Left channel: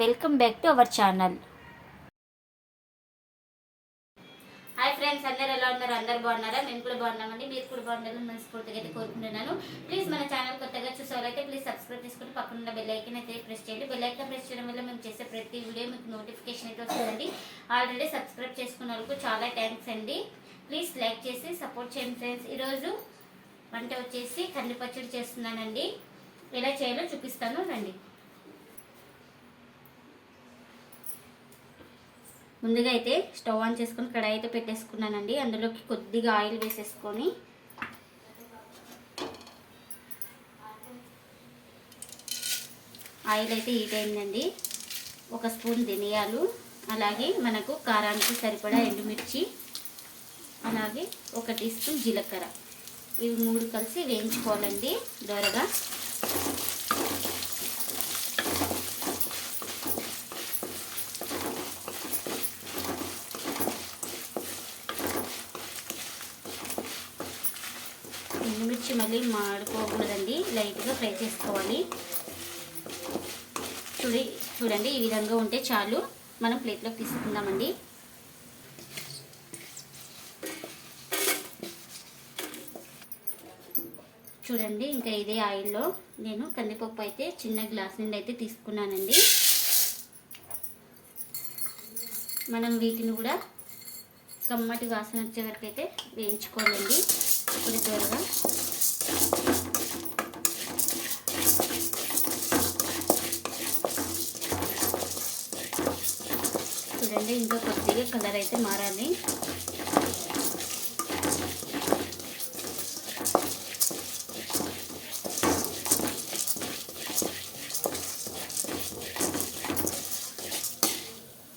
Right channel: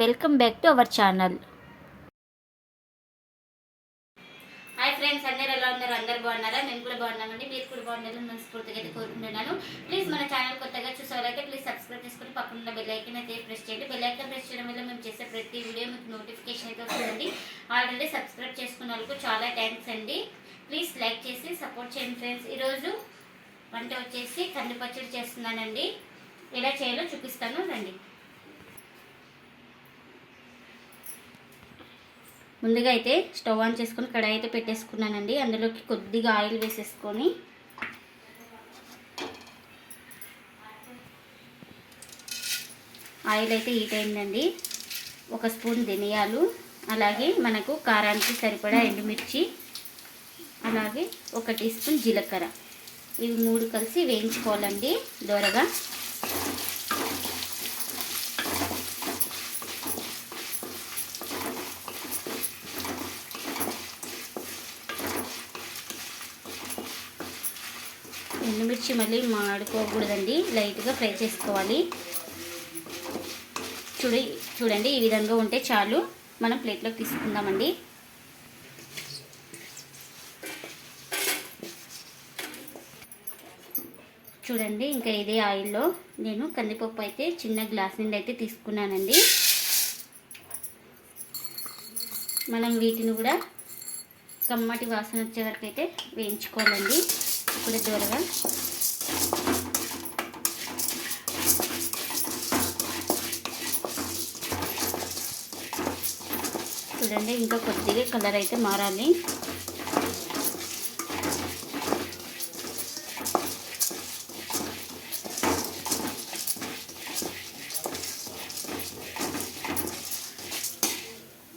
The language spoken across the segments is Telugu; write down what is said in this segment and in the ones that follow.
Welcome back to our channel. Hi friends అందరు ఎలా ఉన్నారు? అందరు బాగున్నారా? మేము కూడా బాగున్నామండి. మీరు కూడా బాగుండాలని మనస్ఫూర్తిగా అయితే కోరుకుంటున్నాను. ప్లీజ్ మన ఛానల్ కొత్తగా చూసేవారైతే ప్లీజ్ సబ్స్క్రైబ్ చేసుకుని పక్కన బెల్ ఐకన్ అయితే ప్రెస్ చేయండి. బెల్ ఐకన్ ప్రెస్ చేయడం వల్ల మేము చేసే ప్రతి వీడియో మీకు నోటిఫికేషన్ అయితే వస్తుందండి. ఆల్రెడీ సబ్స్క్రైబ్ చేసుకున్న వాళ్ళకు చాలా థ్యాంక్స్ అండి. ప్లీజ్ లైక్ చేసి సపోర్ట్ చేయండి ఫ్రెండ్స్ ఈరోజు వంట వచ్చేసి కంది పచ్చడి చేస్తున్నానండి. ఎలా చేయాలో చూపిస్తాను రండి. ముందుగా అయితే స్టవ్ ఆన్ చేసుకొని కడాయి అయితే పెట్టేసుకున్నానండి. అందులోకి కొద్దిగా ఆయిల్ వేసేసుకొని ఆయిల్ అయితే హీట్ అయిందండి. ఒక స్పూన్ ధనియాలు అలాగే మనకు కారానికి సరిపడా ఎండుమిర్చి అలాగే ఒక టీ స్పూన్ జీలకర్ర. ఇవి మూడు కలిసి వేయించుకోవాలండి దోరగా. ఎండుమిర్చి మళ్ళీ మాడుకోకూడదండి. లైట్గా ఫ్రై చేసుకోవాలి. చూడి చూడండి ఈ విధంగా ఉంటే చాలు. మనం ప్లేట్లోకి తీసుకుందామండి. చూడండి ఇంకా ఇదే ఆయిల్లో నేను కందిపప్పు అయితే చిన్న గ్లాస్ నుండి అయితే తీసుకున్నానండి. మనం వీటిని కూడా కమ్మటి వాసన వచ్చే వరకు అయితే వేయించుకోవాలండి. ఇప్పుడు చూడండి ఇంకా కొద్దిగా కలర్ అయితే మారాలి.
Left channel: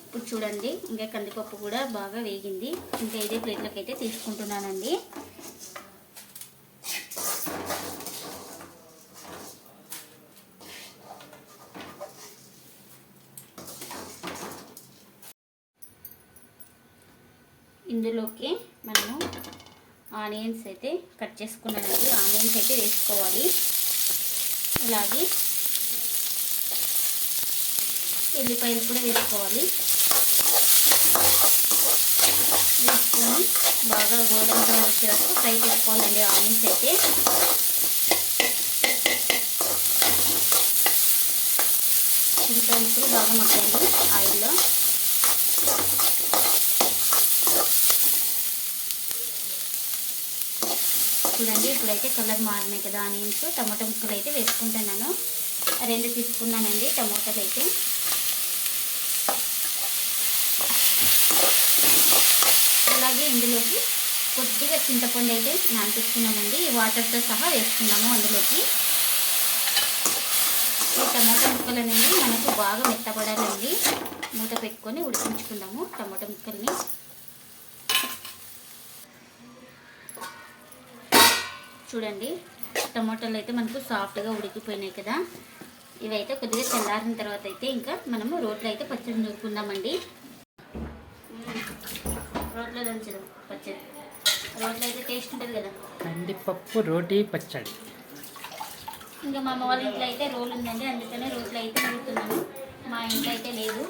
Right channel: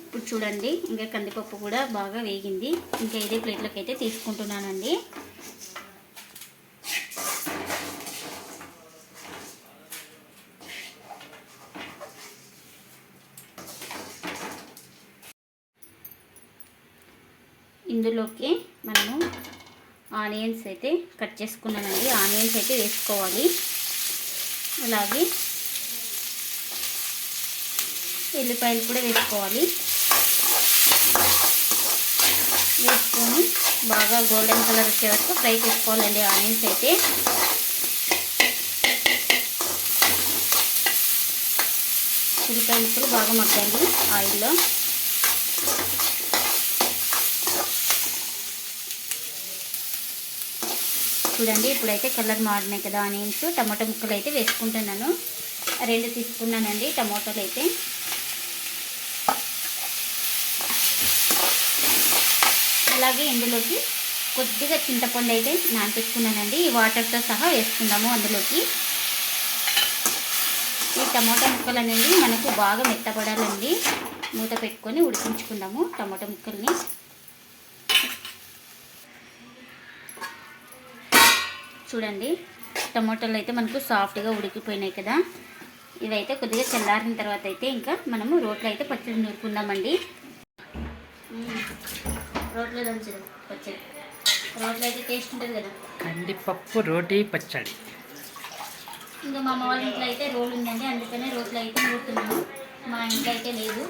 ఇప్పుడు చూడండి ఇంకా కందిపప్పు కూడా బాగా వేగింది. ఇంకా ఇదే ప్లేట్లోకి అయితే తీసుకుంటున్నానండి. ఇందులోకి మనము ఆనియన్స్ అయితే కట్ చేసుకున్నానండి ఆనియన్స్ అయితే వేసుకోవాలి. అలాగే ఎల్లిపాయలు కూడా వేసుకోవాలి. వేసుకొని బాగా గోల్డెన్ కలర్ వచ్చే వరకు ఫ్రై చేసుకోవాలండి ఆనియన్స్ అయితే. ఉల్లిపాయలు కూడా బాగా మగ్గాలి ఆయిల్లో. చూడండి. ఇప్పుడైతే చల్లగా మారినాయి కదా ఆనియన్స్. టమాటా ముక్కలు అయితే వేసుకుంటున్నాను. రెండు తీసుకున్నానండి టమాటాలు అయితే. అలాగే ఇందులోకి కొద్దిగా చింతపండు అయితే నానిపించుకున్నానండి ఈ వాటర్తో సహా వేసుకుందాము అందులోకి. ఈ టమాటా ముక్కలు అనేవి మనకు బాగా మెత్తపడాలండి మూత పెట్టుకొని ఉడికించుకుందాము టమాటా ముక్కల్ని. చూడండి టమాటాలు అయితే మనకు సాఫ్ట్గా ఉడికిపోయినాయి కదా. ఇవైతే కొద్దిగా చల్లారిన తర్వాత అయితే ఇంకా మనము రోట్లో అయితే పచ్చడి నూరుకుందామండి. రోట్లో దంచడం పచ్చడి. రోట్లో అయితే టేస్ట్ ఉంటుంది కదా. కందిపప్పు రోటీ పచ్చడి. ఇంకా మా అమ్మ వాళ్ళ ఇంట్లో అయితే రోల్ ఉందండి అందుకనే రోట్లో అయితే నూరుతున్నాను మా ఇంట్లో అయితే లేదు.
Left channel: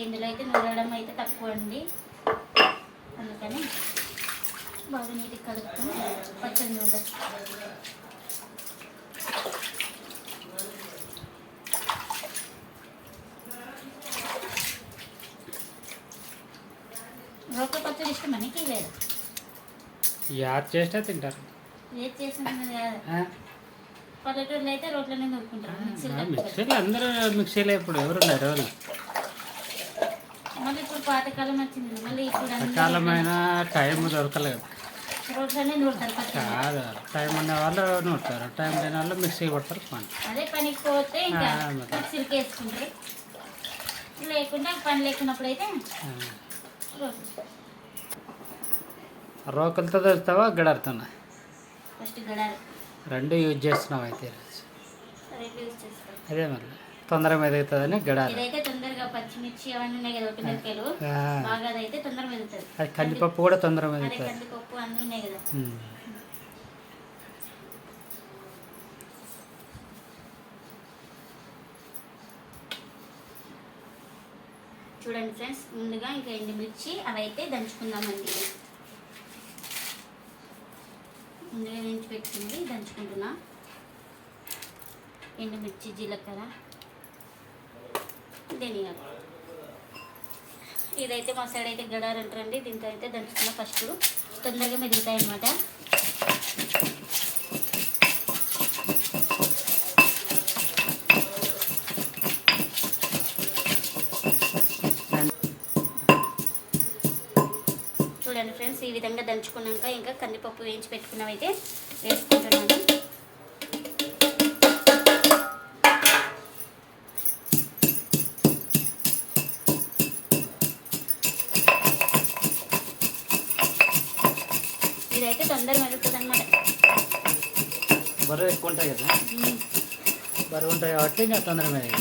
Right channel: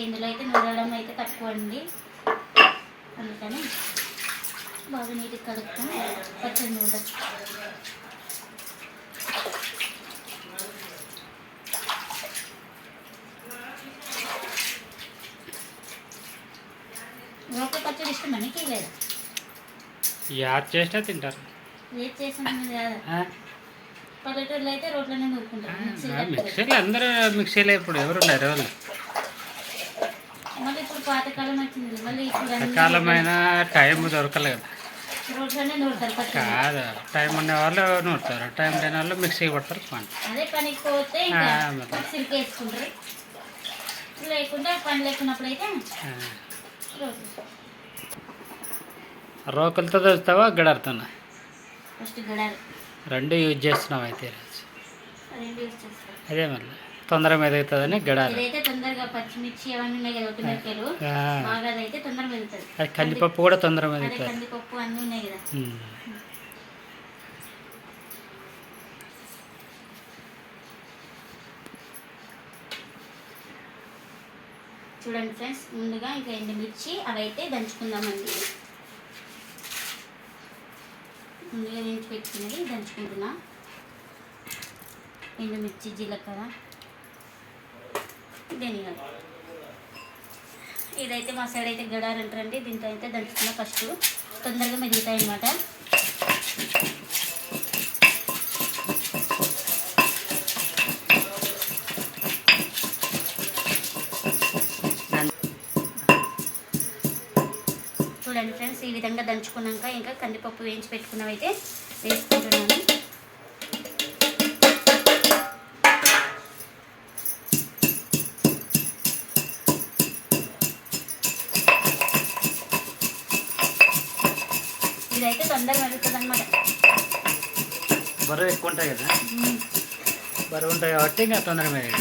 ఇందులో అయితే నూరడం అయితే తక్కువ అండి. అందుకని బాగా నీట్గా కలుపుకొని పచ్చడి నూరడం. రోట్లో పచ్చడి ఇష్టం మనకి లేదా యాడ్ చేసినా తింటారు. ఏది చేసిన కదా? పల్లెటూరులో అయితే రోట్లోనే ఆ, నూరుకుంటారు మిక్సీలో అందరూ మిక్సీలో ఇప్పుడు ఎవరున్నారు ఎవరు? మళ్ళీ ఇప్పుడు పాతకాలం వచ్చింది. మళ్ళీ ఇప్పుడు అన్ని సకాలమైన టైం దొరకలేదు. కదా టైం ఉన్న వాళ్ళు నూరుతారు. టైం లేని వాళ్ళు మిక్సీ కొడతారు పని. అదే పనికి పోతే లేకుంటే లేకున్నప్పుడు అయితే రోకలతో తెస్తావా గడరుతున్నా రెండు యూజ్ చేస్తున్నావు అయితే అదే మళ్ళీ. తొందరగా మెదుగుతుందని గడాలి అది కందిపప్పు కూడా తొందరగా మెదుగుతుంది కందిపప్పు అన్నీ ఉన్నాయి కదా. ఉమ్. చూడండి ఫ్రెండ్స్ ముందుగా ఇంకా ఎండుమిర్చి అవి అయితే దంచుకుందామండి. ముందుగా వేయించి పెట్టుకున్నది దంచుకుంటున్నా. ఎండుమిర్చి జీలకర్ర. ధనియాలు. ఇదైతే మా సైడ్ అయితే గడారు అంటారండి. దీంతో అయితే దంచుకున్నా ఫస్ట్ తొందరగా మెదుగుతాయి అన్నమాట చూడండి ఫ్రెండ్స్ ఈ విధంగా దంచుకున్నాక ఇంకా కందిపప్పు వేయించి పెట్టుకున్నవైతే వేసుకుంటున్నాను. తొందరగా మెరుగుతుంది అనమాట బరువు ఎక్కువ ఉంటాయి కదా బరువు ఉంటాయి కాబట్టి ఇంకా తొందరగా మెదుగు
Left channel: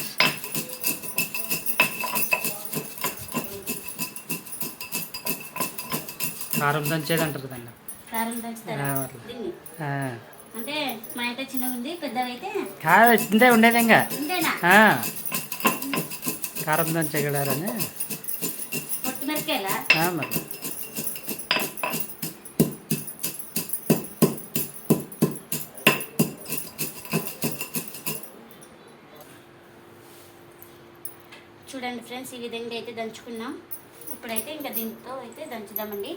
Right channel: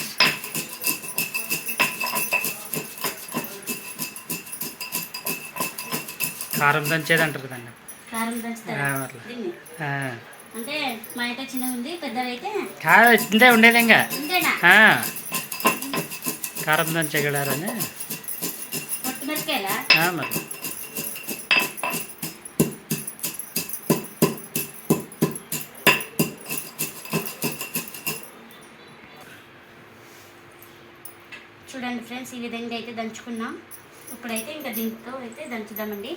కారం దంచేది అంటారు దాన్ని కారం ఆ, దంచుతారా అట్లా. దీన్ని? ఆ. అంటే మా అయితే చిన్నగా ఉంది పెద్దవైతే కాదు ఇంతే ఉండేది ఇంకా. కారం దంచే గడారని కొత్తిమిరకాయలా? ఆ, మరి. చూడండి ఫ్రెండ్స్ ఈ విధంగా అయితే దంచుకున్నాం. ఇప్పుడైతే ఇంకా దీంతో అయితే దంచుదామండి.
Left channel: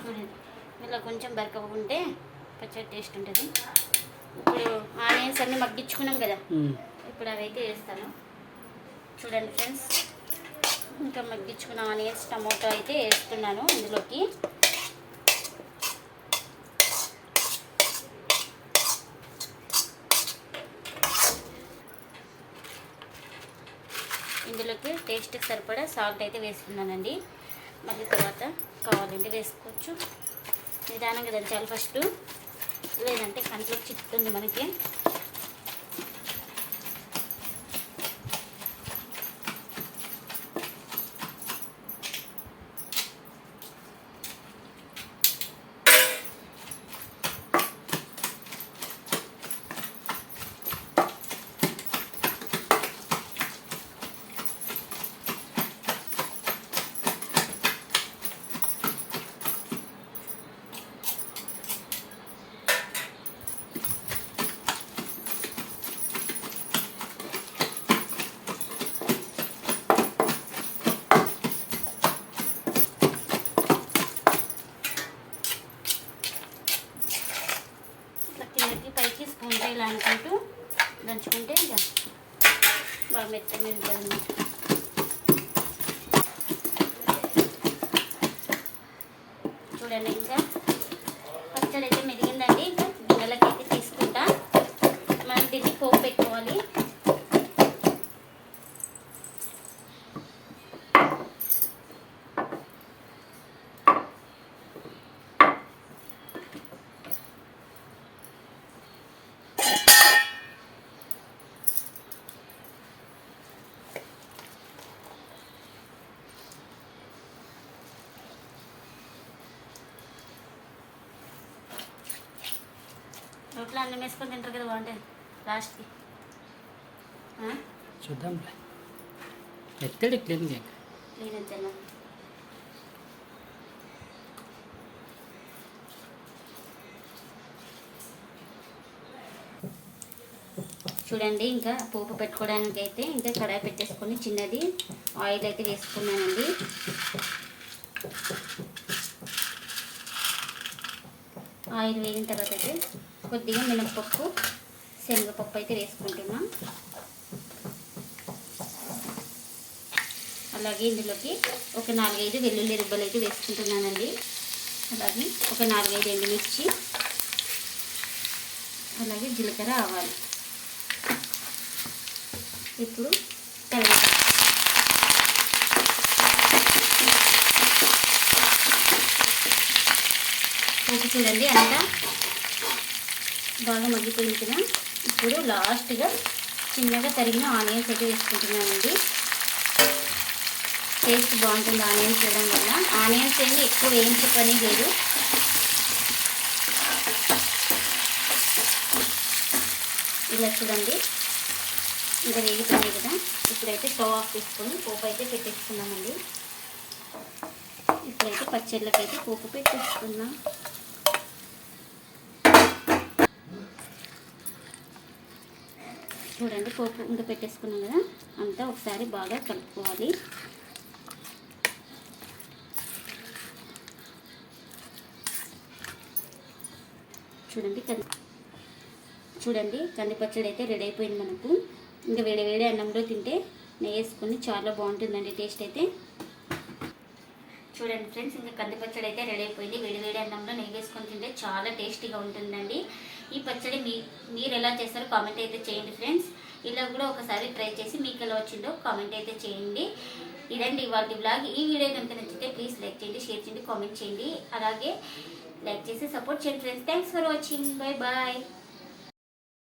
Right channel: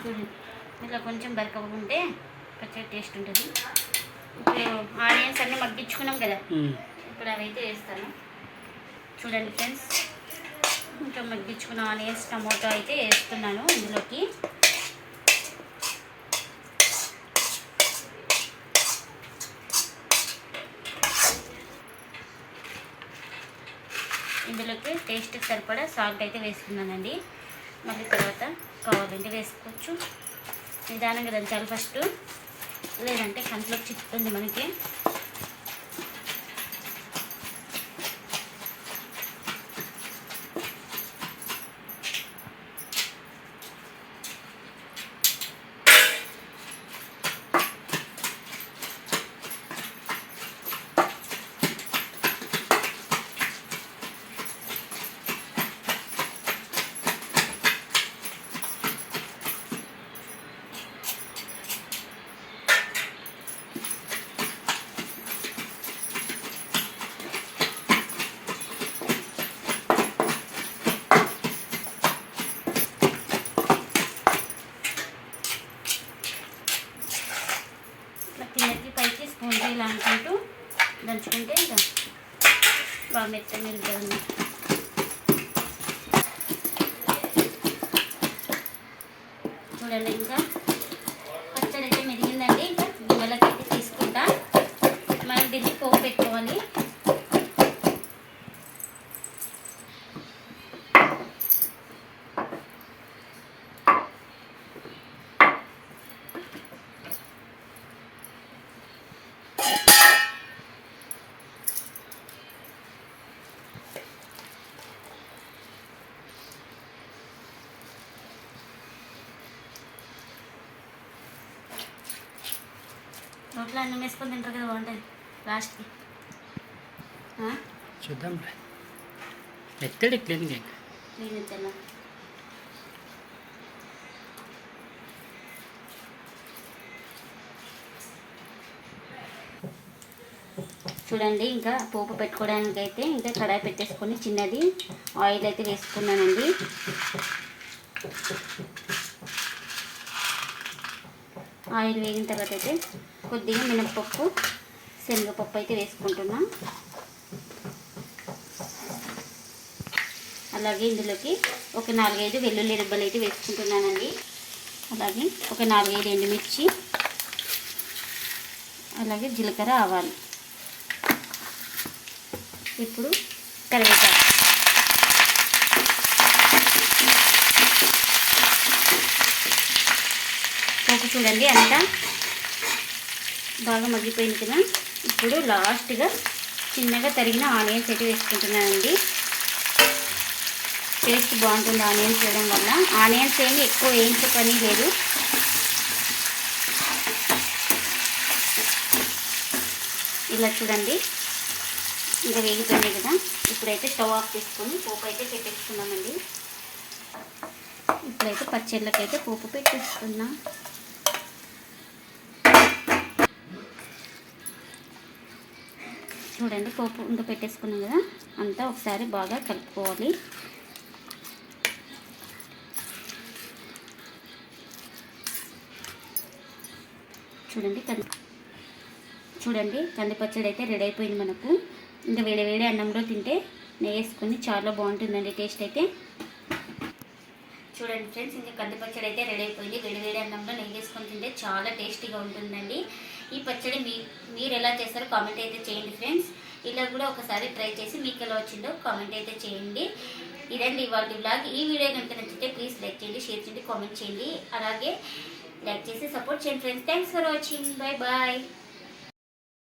చూడండి ఇలా కొంచెం బరకకుంటే పచ్చడి టేస్ట్ ఉంటుంది. అన్నీ మగ్గించుకున్నాం కదా. ఇప్పుడు అవైతే వేస్తాను. చూడండి ఫ్రెండ్స్. ఇంకా మగ్గించుకున్న ఆనియన్స్ టమాటో అయితే వేస్తున్నాను ఇందులోకి. ఇందులోకి టేస్ట్కి సరిపడా సాల్ట్ అయితే వేసుకున్నానండి. మళ్ళీ తర్వాత కావాలంటే వేసుకోవచ్చు. నిదానంగా దంచాలి ఫస్ట్. లేదంటే కంట్లోకి చిక్కుతుంది మనకి ఇట్లా కిందకి పైకి స్పూన్తో ఇలా అనుకుంటూ దంచుకుంటే ఇంకా బాగా మెత్తగా ఉంటుంది చూడండి ఇంకా. పచ్చడి అయితే మెరిగిందండి ఇంకా గిన్నెలకి తీసుకుంటా. మనం దీన్ని పోపు పెట్టుకోవాలి. రోట్లో అన్నం వేసుకొని తింటారు కదా బాగుంటుంది. లాస్ట్కి ఎత్తడి క్లీన్గా ఇంకా? నేను తిన్నా చూడండి ఇంకా పోపు పెట్టుకోవడానికి అయితే ఇంకా కడాయి పెట్టేసుకొని చిన్నది ఆయిల్ అయితే వేసుకున్నానండి. ఆయిల్ వేగిన తర్వాత అయితే కొద్దిగా మినపప్పు శనగపప్పు అయితే వేసుకుంటున్నా. అలాగే ఇందులోకి ఒక నాలుగైదు వెల్లుల్లి రుబ్బలు అయితే వేసుకుంటున్నానండి. అలాగే ఒక నాలుగైదు ఎండుమిర్చి అలాగే జీలకర్ర ఆవాలు. ఇప్పుడు కరివేపాకు. పోపు చూడండి అంతా బాగా మగ్గిపోయింది కదా. ఇప్పుడు లాస్ట్గా చిన్నగా తరిగిన ఆనియన్స్ అయితే వేసుకుంటున్నానండి. టేస్ట్ బాగుంటుంది ఆనియన్స్ వేయడం వల్ల. ఆనియన్స్ ఏమి ఎక్కువ వేయించే పని లేదు. ఇలా చూడండి. ఇంకా వేగిపోయినాయి కదా. ఇప్పుడైతే స్టవ్ ఆఫ్ చేసుకొని పోపు అయితే పెట్టేసుకున్నామండి ఇప్పుడైతే పచ్చళ్ళకైతే పోపు పెట్టేసుకున్నాం చూడండి పోపు ఇంకా పెట్టేసుకున్నాం కదా అంతా ఒకసారి బాగా కలుపుకోవాలి. చూడండి కంది చూడండి కంది పచ్చడి అయితే రెడీ అయిపోయింది మనకు. ఇంకా వేడి వేడి అన్నంలో తింటే నెయ్యి వేసుకొని చాలా బాగుంటుందండి టేస్ట్ అయితే. చూడండి ఫ్రెండ్స్ ఇంకా కంది పచ్చడి అయితే రెడీ అయిపోయింది. వేడి వేడి అన్నంలో నెయ్యి వేసుకొని తింటే చాలా టేస్టీగా ఉంటుందండి. ఈ పచ్చడి మీ మీరు ఎలా చేస్తారో కామెంట్ అయితే చేయండి ఫ్రెండ్స్. ఇలా కూడా ఒకసారి ట్రై చేసి మీకు ఎలా వచ్చిందో కామెంట్ అయితే చేయండి. ఇదండి ఇవాళ బ్లాగ్ ఈ వీడియో కనుక నచ్చితే ప్లీజ్ లైక్ చేయండి షేర్ చేయండి కామెంట్ చేయండి. అలాగే లైక్ చేసి సపోర్ట్ చేయండి friends. Thanks for watching bye bye